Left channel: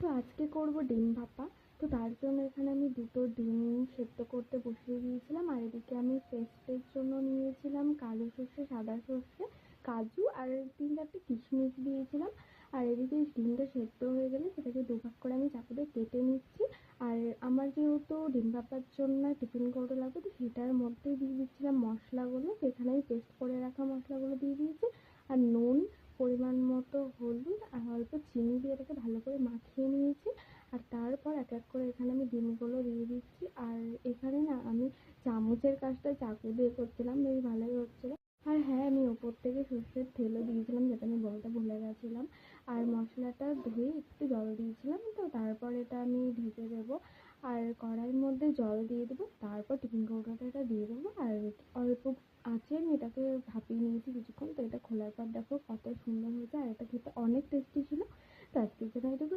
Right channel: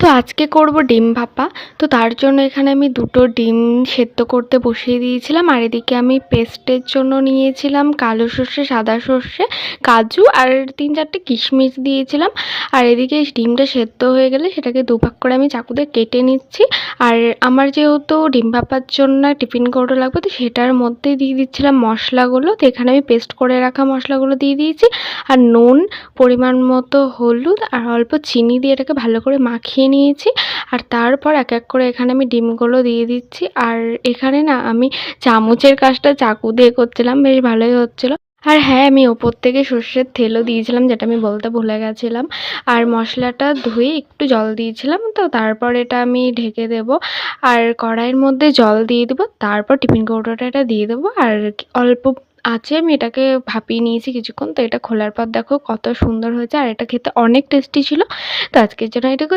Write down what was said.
তো আজকে করব ডিম ভাপা। তো তার জন্য এখানে আমি ২ টো ডিম সেদ্ধ করতে বসিয়ে দিয়েছিলাম। আর এদিকে আমি পেস্টের জন্য নিয়েছিলাম কালো সর্ষে, সাদা সর্ষে, কাজু আর ৩-৪ টে কিশমিশ দিয়েছিলাম। আর এদিকে ডিমটা সেদ্ধ হয়ে গেলে সেটাকে দুভাগ করে আমি চাকু দিয়ে কেটে নিচ্ছি। আর আমার যেহেতু ডিম ভাপার জন্য টিফিন কৌটো লাগবে, তো সেটার মধ্যে দিয়ে দিচ্ছিলাম মশলাগুলো। তো এখানে আমি পেস্ট করে রাখা মশলাগুলো দিয়ে দিয়েছি। আর নুন, পরিমাণ মতো হলুদ আর অল্প চিনি দিয়ে এটাকে ভালো করে মাখিয়ে নিয়েছি। আর তারপর এক এক করে এখানে আমি ডিমগুলো দিয়ে দিচ্ছি। আর এখানে না আমি চামচের কাজটা চাকু দিয়ে করছিলাম, বেশ ভালোই হচ্ছিল। আর হ্যাঁ, আমি ওপর থেকে সর্ষের তেলও দিয়েছিলাম, যেটা আমি বলতে ভুলে গেছিলাম। আর মশলাটা ধুয়ে একটু জল দিয়েছিলাম, তো তারপর এটা আমি ঢেকে দেবো। আর কড়াইয়ের মধ্যে জল দিয়ে দেবো, তারপর টিফিন কৌটোটা এটা দিয়ে দেবো। আর অল্প আঁচে আমি এটাকে ভাপিয়ে নিয়েছি কিছুক্ষণ। তো এটা খোলার পর দেখো কত সুন্দর হয়েছে, আর এটা খেতে অনেক টেস্টি ছিল। তো আজকের জন্য এটুকু।